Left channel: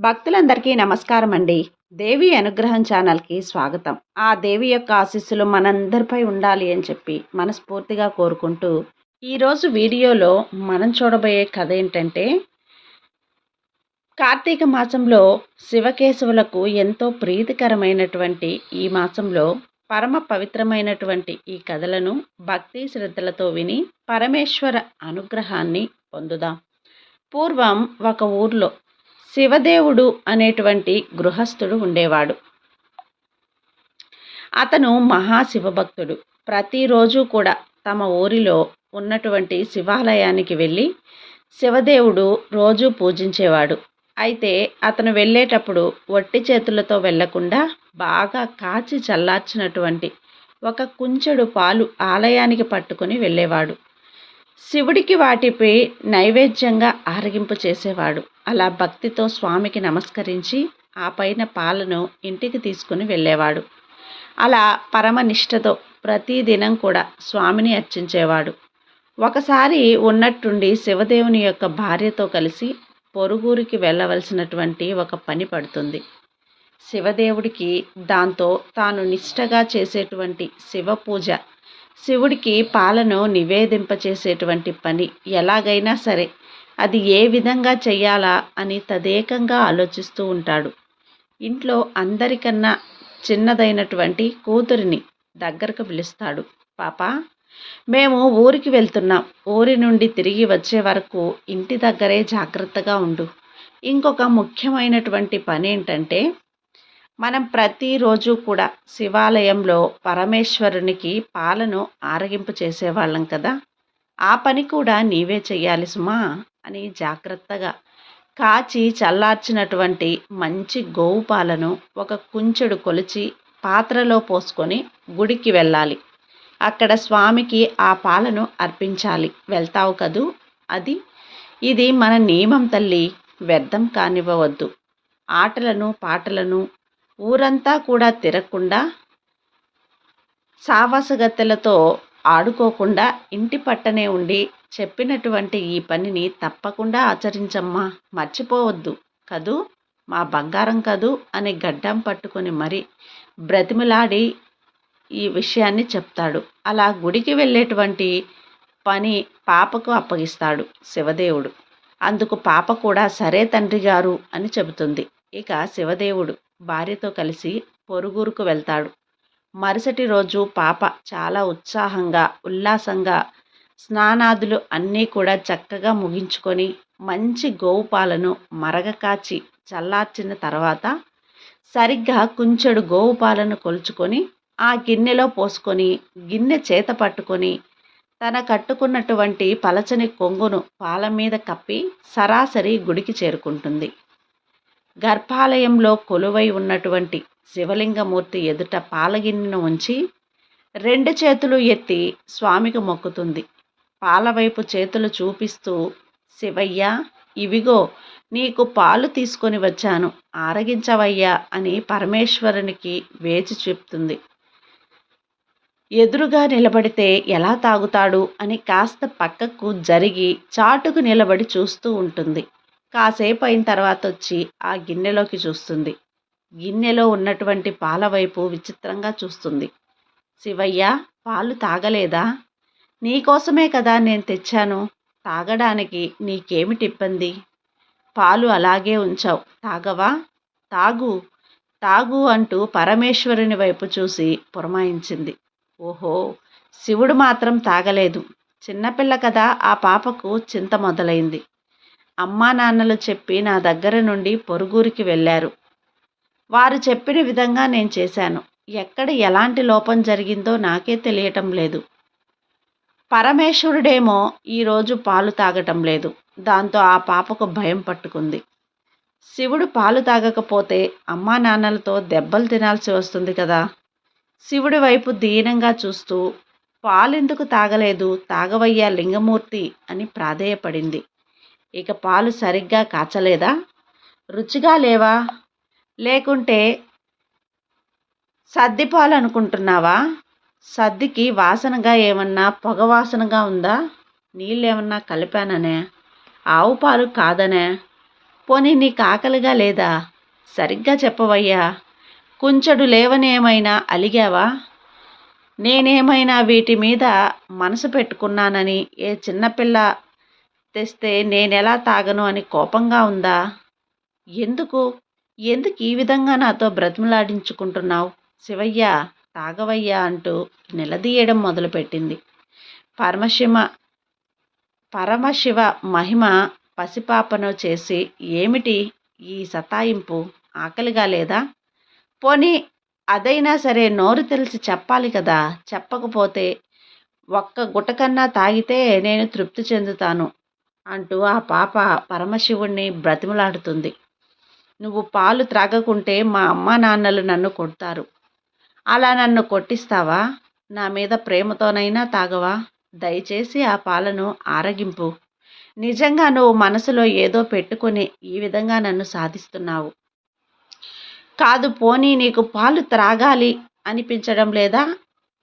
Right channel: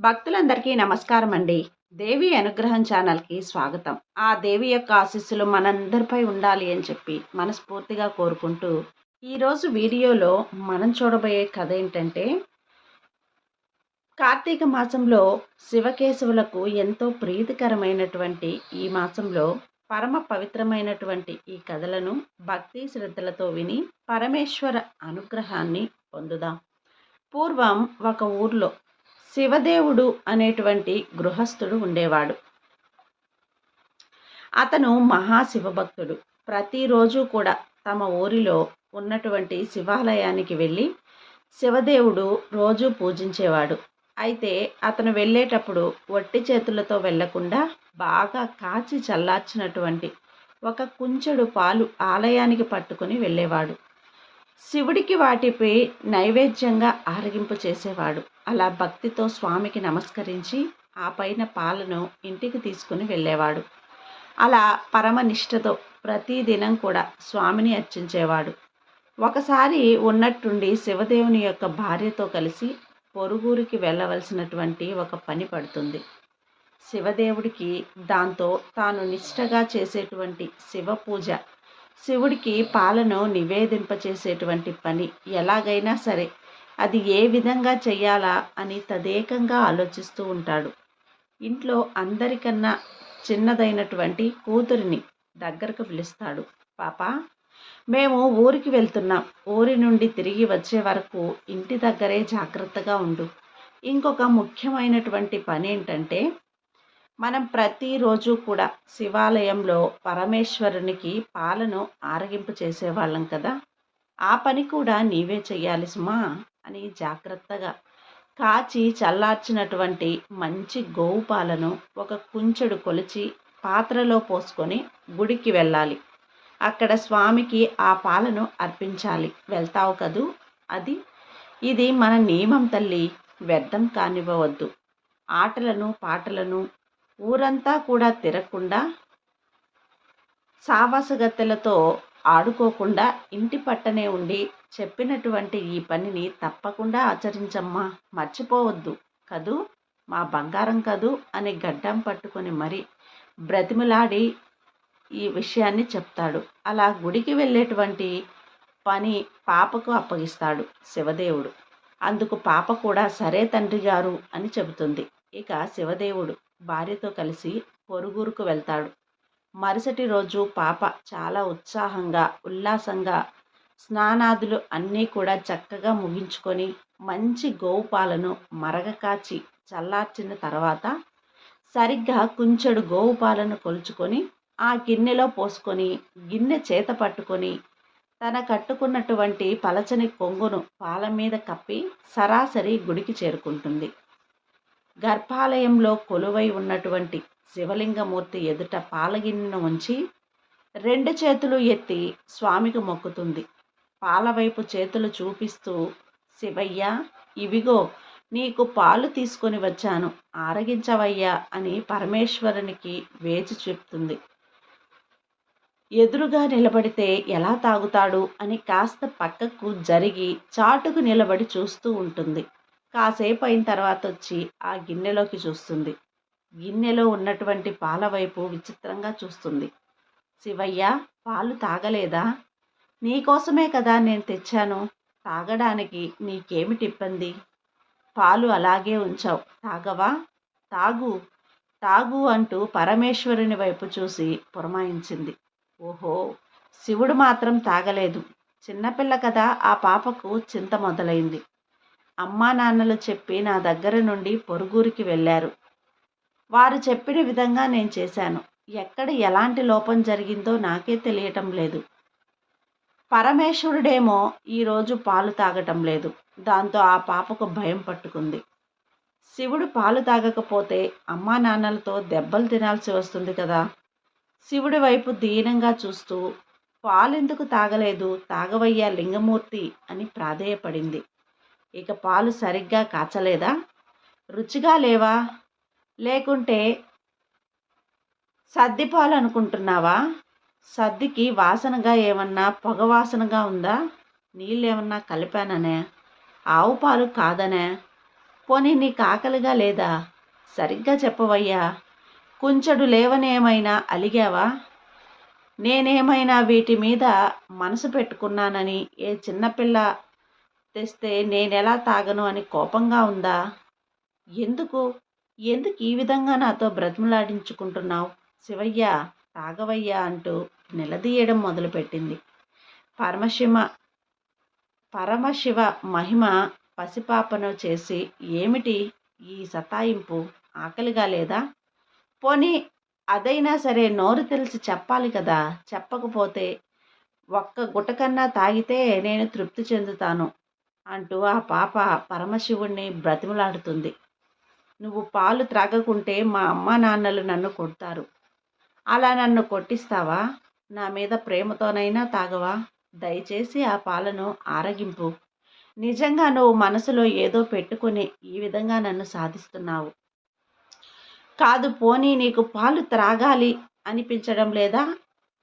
భక్తులందరికీ నమస్కారం అండి దేవి అనుగ్రహం ఛానల్కి స్వాగతం. ఆ దేవి యొక్క ఆశీస్సులు మనందరిపై ఉండాలి అని చెప్పి మనస్ఫూర్తిగా కోరుకుంటూ ఈరోజు వీడియోలో మనం చూడబోయే కథ ఏంటంటే కార్తీక మాసంలో శివకేశవులకు ఎంతో ప్రీతికరమైనటువంటి ఈ మాసంలో పరమ పవిత్రమైనటువంటి ఈ కథలను భక్తి శ్రద్ధలతో విని పరమేశ్వర అనుగ్రహాన్ని పొందుదాం. పూర్వం ఒక ఊర్లో శివదేవుడు అనేటువంటి గృహస్థుడు ఉండేవాడు. అతను మహాశివభక్తుడు. ప్రతిరోజు కూడా తమ ఊరిలో ఉన్నటువంటి శివాలయానికి వెళ్ళి శివదేవుడు రోజు పూజించేవాడు. అయితే అతను వెళ్ళేటప్పుడు వట్టి చేతులతో వెళ్ళకుండా బాగా కాచి చల్లార్చినటువంటి ఒక కుంచెడు పాలు ఆలయానికి పట్టుకుని వెళ్ళేవాడు. శివుడికి వాటిపై నైవేద్యంగా ఆరగింపు చేసేవాడు. అలా భక్తితో స్వామికి నమస్కరించి ఆ పైన పాలను ఇంటికి తీసుకుని వెళ్ళేవాడు. అలా పరమనిష్టతో ప్రతిదినం కూడా స్వామిని అర్చించేవాడు. ఒకసారి ఉన్నట్టుండి శివదేవుని యొక్క భార్యతో కలిసి పొరుగురికి వెళ్ళవలసినటువంటి ఒక పని పడుతుంది. శివదేవుడికి దాంతో తాను నిష్టగా చేసేటువంటి శివ పూజ శివుడికి పాలను నివేదింపచేసేటువంటి పని ఎలాగైనా సరే అది ఏ విధంగా చెయ్యాలా అని తదేకంగా ఆలోచిస్తూ ఉంటాడు. ఇంట్లో అందరికన్నా చిన్నదైనటువంటి కూతురిని దగ్గరకు పిలుస్తాడు. పాప మేము ఊరికి వెళ్తున్నాం. ఊరి నుండి తిరిగి వచ్చే వరకు ఇంటి దగ్గరే జాగ్రత్తగా ఉండు. ఇంకొక ముఖ్యమైనటువంటి పని ఏంటంటే మనం ప్రతిరోజు కూడా శివాలయంలో పరమేశ్వరునికి పాలను ఆరగింపు చేసేవాళ్ళం కదా. ఆ పని కూడా నీవే చెయ్యాలి సుమా. అని జాగ్రత్తగా కాచి చల్లార్చినటువంటి మంచి గోవు పాలను ఒక కుంచెడు కొలిచి పాత్రలో పోసుకొని గుడికి వెళ్ళాలి. అక్కడ స్వామికి ఆ పాలను అర్పించాలి. వెళ్తావు కదూ? అది ఇది మన నియమం తల్లి వ్యర్థం కానివ్వవద్దు. ఆటలను పాటలను ఊరంతా కూడా తిరగకుండా సావాసగత్తెలతో ఆడుకోకుండా ఇంటి పట్టనే ఉండి చెప్పినటువంటి ఈ పనిని తప్పకుండా ఆచరించమ్మా. మర్చిపోవద్దు. కదూ? మా బంగారం కదూ? అని గడ్డం పట్టుకొని మరి బ్రతిమలాడి ఈ విషయాన్ని చెప్తాడు. అలా గుడికి వెళ్ళేటువంటి పని పాపకు అప్పగిస్తాడు శివదేవుడు. అందుకు పాప కూడా సరే తండ్రి గారు అని చెబుతుంది. ఇక శివదేవుడు భార్యతో కలిసి పొరుగురుకు వెళ్తాడు. మరుసటి రోజు పాప చాలా ఉత్సాహంగా ఉల్లాసంగా స్నానాదులు అన్నీ కూడా చక్కగా ముగించుకొని మంచి గోవు పాలను మరగ కాచి చల్లార్చిన తర్వాత సరిగ్గా కుంచెడు గోవు పాలను కొలుచుకొని ఆ గిన్నెలో పోసుకొని గిన్నె చేత పట్టుకొని తన కట్టుకున్నటువంటి పలచని కొంగును పాల మీద కప్పి సరాసరి గుడికి చేరుకుంటుంది. గర్భాలయంలో కొలువై ఉన్నటువంటి శివలింగమూర్తి ఎదుట పాలగిన్నెను ఉంచి రెండు చేతులు ఎత్తి స్వామికి మొక్కుతుంది. పాలవైపు చేతులు చూపిస్తూ శివయ్య ఇవిగో నీకు పాలు తీసుకొని వచ్చాను. ఆరగించవయ్యా అని పరమేశ్వరునికి వేచి చెప్తుంది. ఎదురుగా నిలబడితే ఎలా తాగుతాడు అని కాస్త పక్కకు జరిగి చాటుకు నిలబడి చూస్తూ ఉంటుంది. కాసేపు అయిన తర్వాత వచ్చి ఆ గిన్నెలోకి చూస్తుంది. గిన్నెలో ఉన్నటువంటి పాల వైపు విచిత్రంగా చూస్తుంది. శివయ్య పాలు తాగలేదా? నీకోసమే కదా నేను తెచ్చాను. తాగడానికి నీకేమిటి ఇబ్బంది? పాలు అలాగే ఉంచావు. తాగవా? తాగు. తాగు అంటూ పరమేశ్వరుని వైపు చూసి పురమాయించింది. ఓహో! శివుడు మాత్రం తాగలేదు. చిన్నపిల్ల కదా ఆ పాపకు చింత మొదలైంది. అమ్మా నాన్నలు చెప్పి నా దగ్గర నుండి పొరుగురికి వెళ్ళారు. వారు చెప్పిన విధంగా నేను చేశాను. ఎక్కడ ఎలాంటి లోపం జరిగిందో నాకే తెలియటం లేదు. పరమేశ్వరుడేమో ఈరోజు పాలు తాగటం లేదు. దాంతో ఆ పాపకు భయం పట్టుకుంది. శివుడు పాలు తాగకపోతే అమ్మా నాన్నలతో దెబ్బలు తినాల్సి వస్తుంది కదా. శివుడి వైపు దీనంగా చూస్తూ పాలెందుకు తాగలేదు? తాగవయ్యా లింగమూర్తి అని ప్రాధేయపడింది. ఇక పాలు సరిగ్గా కాచలేదా? రుచిగా లేవా? లేకుంటే సద్ది అనుకుంటున్నావా సద్దికి వాసనగా ఏమన్నా పొగ వాసనగా ఉందా? నీళ్ళు ఏమన్నా కలిపాననే? ఆవు పాలు కాదనే? పోనీ నీకు ఆకలిగా లేదా? సరిగ్గా చెప్పవయ్యా. కుంచెడు లేవనేమైనా అలిగావా? నేనేమైనా వీటి మీద మనసు పెట్టుకున్నానని ఏ చిన్నపిల్ల తెస్తే నేనెలా తాగను అని కోపంగా ఉందా? ఎందుకు? ఎందుకు ఈ విధంగా నాతో బ్రతిమలాడించుకుంటున్నావు శివయ్య? తాగవయ్యా అంటూ నిలదీయడం మొదలుపెట్టింది. పరమశివ పరమశివ మహిమ పసిపాపను చేసి ఏమిటి ఈ సతాయింపు? ఆకలిగా లేదా? పోనీ అదైనా సరే నోరు తెలిసి చెప్పాలి కదా? చెప్పకపోతే ఒక్క గుటకన్నా తాగితే నేను తృప్తి చెందుతాను అంటూ ఆ పాప పరమశివుణ్ణి బ్రతిమలాడుతుంది. నువ్వు పాలు త్రాగకుంటే మా అమ్మ నాన్నలు నన్ను కొడతారు. అలా నన్ను కొట్టిస్తావా? నా మీద ప్రేమతోనైనా తాగవా? దయచేసి ఆ పాలను ఆరగింపు. నిజంగా నువ్వు మనసులో ఏదో పెట్టుకుని ఈ విధంగా నన్ను సాధిస్తున్నావు. కాదు పోనీ నీకు పాలు త్రాగాలి అనిపించడం లేదా?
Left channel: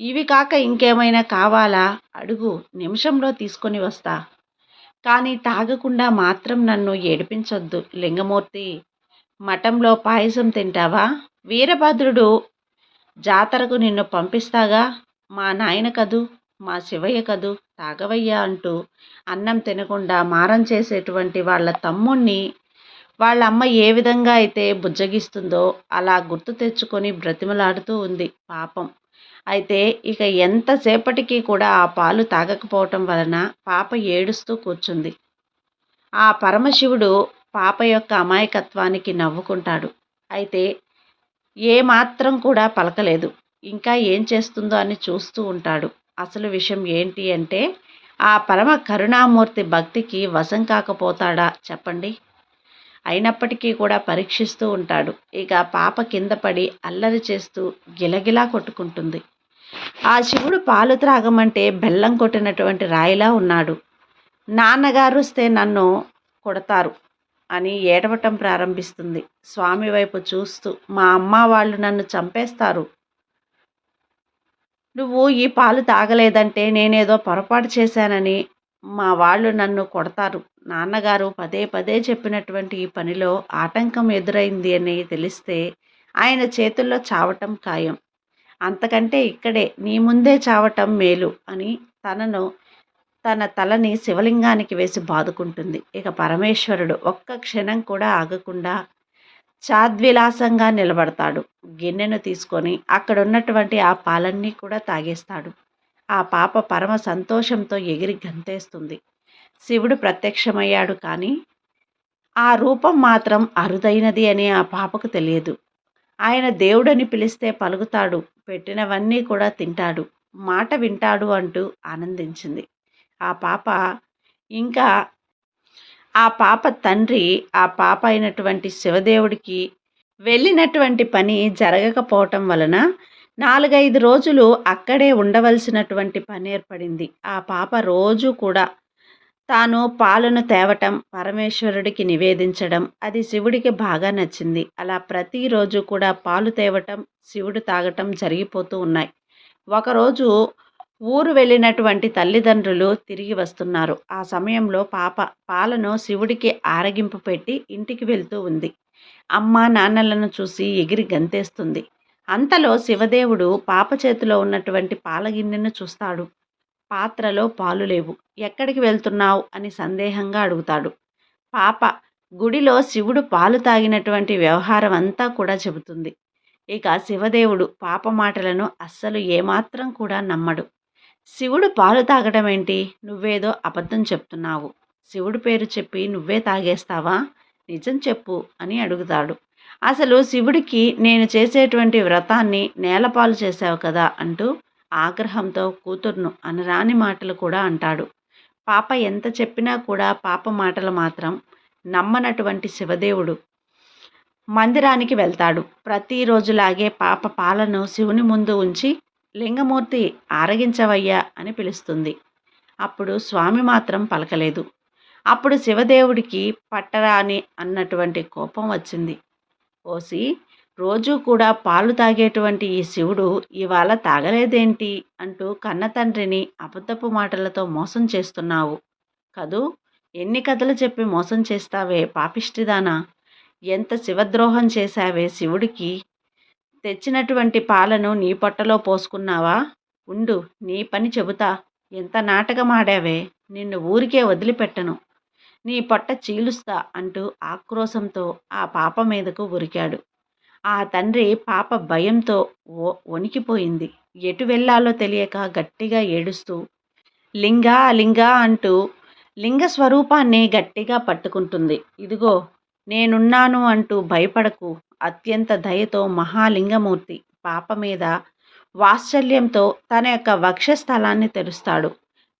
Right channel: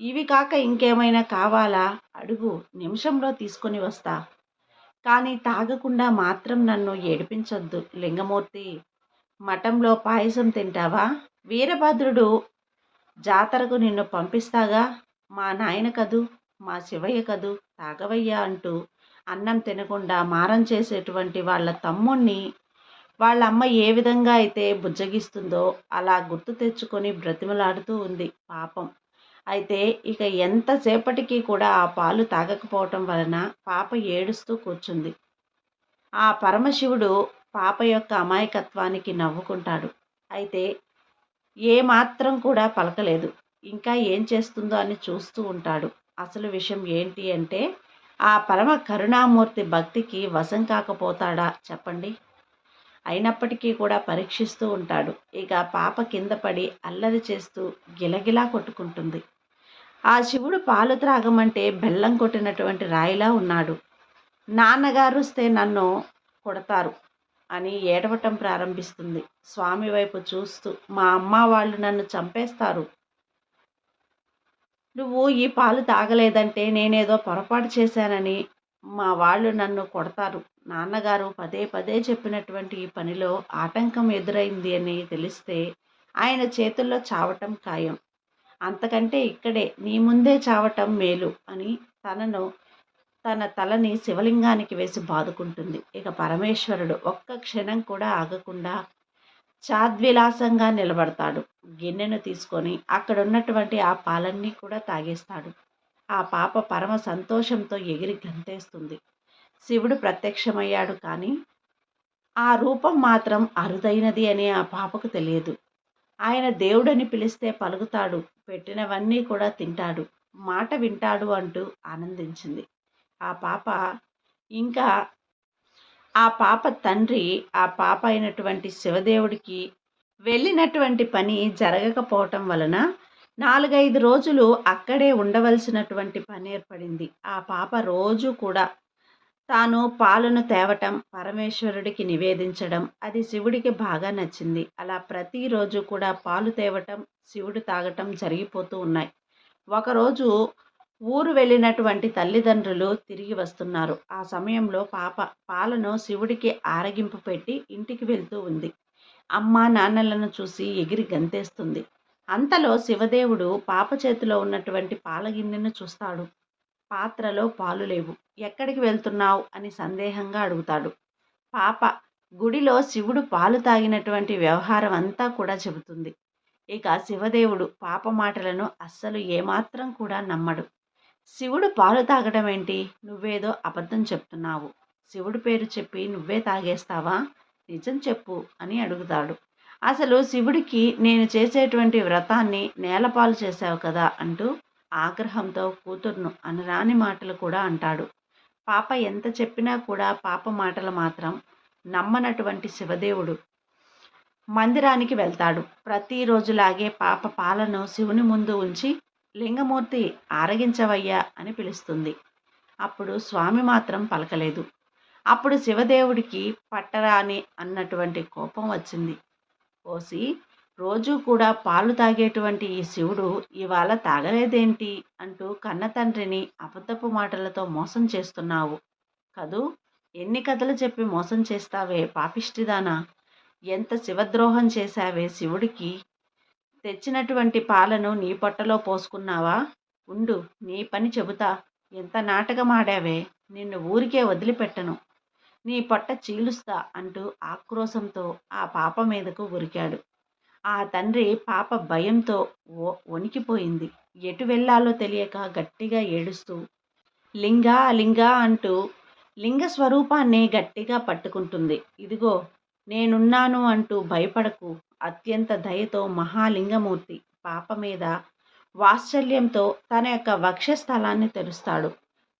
ఇవి కాక ఇంకేమైనా కావాలా? అడుగు నిమిషంలో తీసుకొని వస్తా. కానీ తాగకుండా మాత్రం నన్ను ఏడిపించొద్దు లింగమూర్తి. మఠంలో పాయసం తింటావా? వీరభద్రుడు జాతరకు నిన్ను పంపిస్తాగా? మా నాయన కదూ? మా శివయ్య కదూ? తాగవయ్యా అంటూ అన్నం తినకుండా మారం చేసేటువంటి వాళ్ళ తమ్ముణ్ణి వాళ్ళ అమ్మ ఏ విధంగా అయితే బుజ్జగిస్తుందో అలా గుర్తు తెచ్చుకొని బ్రతిమలాడుతూ ఉంది పాపం. అయితే ఇక ఎంతసేపటికి కూడా ఆ పాలు తాగకపోవటం వలన పాప ఏడుస్తూ కూర్చుంది. ఆ పరమశివుడు పాప యొక్క అమాయకత్వానికి నవ్వుకుంటాడు. అయితే ఏమాత్రం కూడా పలకలేదు. ఇంకా ఏం చేస్తుందో అని చూస్తూ ఉంటాడు. అసలు విషయం ఏంటి అంటే ఆ పరమ కరుణామూర్తి భక్తికి వశం కాకపోతాడా చెప్పండి. అయినప్పటికీ కూడా పరీక్షిస్తూ ఉంటాడు. ఇక పాప కింద పడి అల్లరి చేస్తూ గిలగిలా కొట్టుకుంటుంది. ఆ శివుడు పాలు త్రాగమంటే బెల్లం కొట్టినటువంటి రాయిలా ఉన్నాడు. నాన్నగారు వస్తే నన్ను కొడతారు. అని ఏడవటం ప్రారంభిస్తుంది. స్వామి వైపు చూస్తూ మా అమ్మ వాళ్ళు నన్ను చంపేస్తారు. నువ్వు ఈ పాలు తాగలేదంటే నేనేదో పొరపాటు చేశానని మా వాళ్ళు నన్ను కొడతారు. నాన్నగారు పదే పదే చెప్పినటువంటి ఈ పనిలో ఆటంకం ఎదురైంది అని తెలిస్తే ఆయన చేతుల్లో చావటం ఖాయం. అంతకంటే ఇక్కడే నీ ముందే చావటం మేలు అని తనను తన తలని శివలింగానికి వేసి బాదుకుంటుంది. ఇక పరమేశ్వరుడు ఒక్క క్షణం కూడా ఆగకుండా చాద్విలాసంగా నిలబడతాడు. గిన్నెను తీసుకొని అక్కడ ఉన్నటువంటి ఆ పాలన్నీ కూడా తాగేస్తాడు. ఆ పాప పరమ సంతోషంతో ఎగిరి గంతేస్తుంది. శివుడు ప్రత్యక్షమయ్యాడు కానీ ఆ రూపం మాత్రం అరుదైనది అని ఆ పాపకు తెలియదు. ఆయన దేవుడని పిలిస్తే పలుకుతాడు. పెట్టినవన్నీ కూడా తింటాడు. మాట వింటాడు అంటూ ఆనందించింది. ఆ పాప ఇంకా ఆ పాప తండ్రి ఆ పాప అయినటువంటి శివదేవుడికి వెళ్ళినటువంటి పని జరగకపోవటం వలన నాలుగైదు రోజులు అక్కడే ఉండవలసినటువంటి పని ఏర్పడింది. ఆ పాప రోజు కూడా తాను పాలను తేవటం పరమేశ్వరుడికి నివేదించడం అది శివుడికి బాగా నచ్చింది. అలా ప్రతిరోజు కూడా పాలు తేవటం శివుడు తాగటం జరిగిపోతూ ఉన్నాయి. ఒకరోజు ఊరు వెళ్ళినటువంటి తల్లిదండ్రులు తిరిగి వస్తున్నారు. ఆ సమయంలో పాప పాలను శివుడికి ఆరగింపు పెట్టి ఇంటికి వెళ్తూ ఉంది. అమ్మ నాన్నలను చూసి ఎగిరి గంతేస్తుంది. అంతలో శివదేవుడు పాప చేతిలో ఉన్నటువంటి పాలగిన్నెను చూస్తాడు. పాత్రలో పాలు లేవు. ఎక్కడికి వెళ్తున్నావు? అని సందేహంగా అడుగుతాడు. పాప గుడిలో శివుడు పాలు తాగినటువంటి వ్యవహారం అంతా కూడా చెబుతుంది. ఇక శివదేవుడు పాప మాటలను అస్సలు ఏమాత్రం కూడా నమ్మడు. శివుడు పాలు తాగడం ఏంటి? నువ్వేదో అబద్ధం చెప్తున్నావు. శివుడు పేరు చెప్పి నువ్వే తాగేస్తావా? నిజం చెప్పు అని అడుగుతాడు. అసలు శివుడికి నేను చేసేటువంటి వ్రతాన్ని నేలపాలు చేశావు కదా అంటూ ఆగ్రహంతో కూతుర్ను అనరాని మాటలు కూడా అంటాడు. పాప ఎంత చెప్పినా కూడా పాప మాటలు మాత్రం నమ్మనటువంటి శివదేవుడు మందిరానికి వెళ్తాడు. ప్రతిరోజులాగే పాప పాలను శివుని ముందు ఉంచి లింగమూర్తి ఆరగించవయ్యా అని పిలుస్తుంది. అప్పుడు స్వామి మాత్రం పలకలేదు. అప్పుడు శివదేవుడికి పట్టరాని అన్నటువంటి కోపం వచ్చింది. ఓసి రోజూ కూడా పాలు తాగేటువంటి ఈ శివుడు ఇవాళ తాగలేదేంటి అంటూ కన్న తండ్రిని అబద్ధపు మాటలతో మోసం చేస్తున్నావు. కదూ ఎన్ని కథలు చెప్పి మోసం చేస్తావే పాపిష్టిదానా? ఎంత శివద్రోహం చేశావే శివుడికి? తెచ్చినటువంటి పాలను నీ పొట్టలో పోసుకున్నావా? ఉండు నీ పని చెబుతా. ఎంత నాటకమాడావే? నిన్ను ఊరికే వదిలిపెట్టను. నీ పొట్ట చీలుస్తా అంటూ ఆక్రోశంతో ఆ పాప మీదకు ఉరికాడు. ఆ తండ్రి పాప భయంతో వణికిపోయింది. ఎటు వెళ్ళాలో తెలియక గట్టిగా ఏడుస్తూ లింగా లింగా అంటూ లింగ స్వరూపాన్ని గట్టిగా పట్టుకుంటుంది. ఇదిగో నేనున్నాను అంటూ భయపడకు. అత్యంత దయతో మహాలింగమూర్తి పాప మీద వాత్సల్యంతో తన యొక్క వక్షస్థలాన్ని తెరుస్తాడు.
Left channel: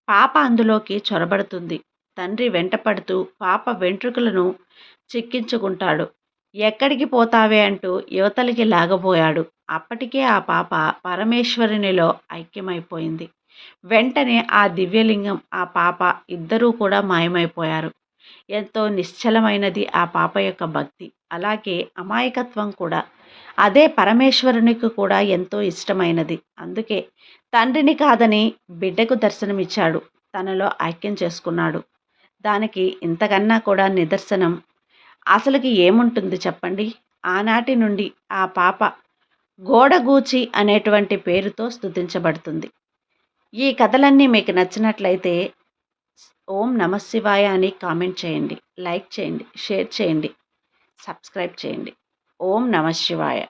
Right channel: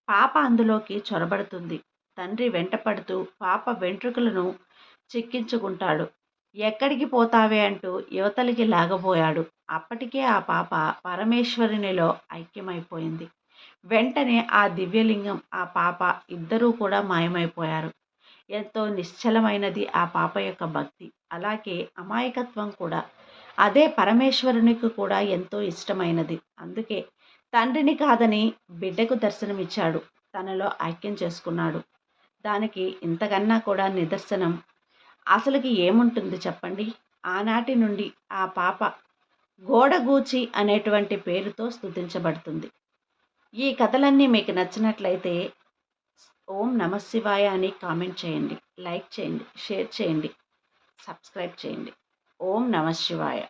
పాప అందులోకి చొరబడుతుంది. తండ్రి వెంటపడుతూ పాప వెంట్రుకలను చిక్కించుకుంటాడు. ఎక్కడికి పోతావే అంటూ యువతలికి లాగబోయాడు. అప్పటికే ఆ పాప పరమేశ్వరునిలో ఐక్యమైపోయింది. వెంటనే ఆ దివ్యలింగం ఆ పాప ఇద్దరూ కూడా మాయమైపోయారు. ఎంతో నిశ్చలమైనది ఆ పాప యొక్క భక్తి. అలాగే అమాయకత్వం కూడా. అదే పరమేశ్వరునికి కూడా ఎంతో ఇష్టమైనది. అందుకే తండ్రిని కాదని బిడ్డకు దర్శనమిచ్చాడు. తనలో ఐక్యం చేసుకున్నాడు. దానికి ఇంతకన్నా కూడా నిదర్శనం. అసలుకి ఏముంటుంది చెప్పండి? ఆనాటి నుండి ఆ పాప గోడగూచి అనేటువంటి పేరుతో స్థుతించబడుతుంది ఈ కథలన్నీ మీకు నచ్చినట్లయితే ఓం నమశివాయ అని కామెంట్ చేయండి. లైక్ చేయండి. షేర్ చేయండి. సబ్స్క్రైబ్ చేయండి. ఓం నమ శివాయ.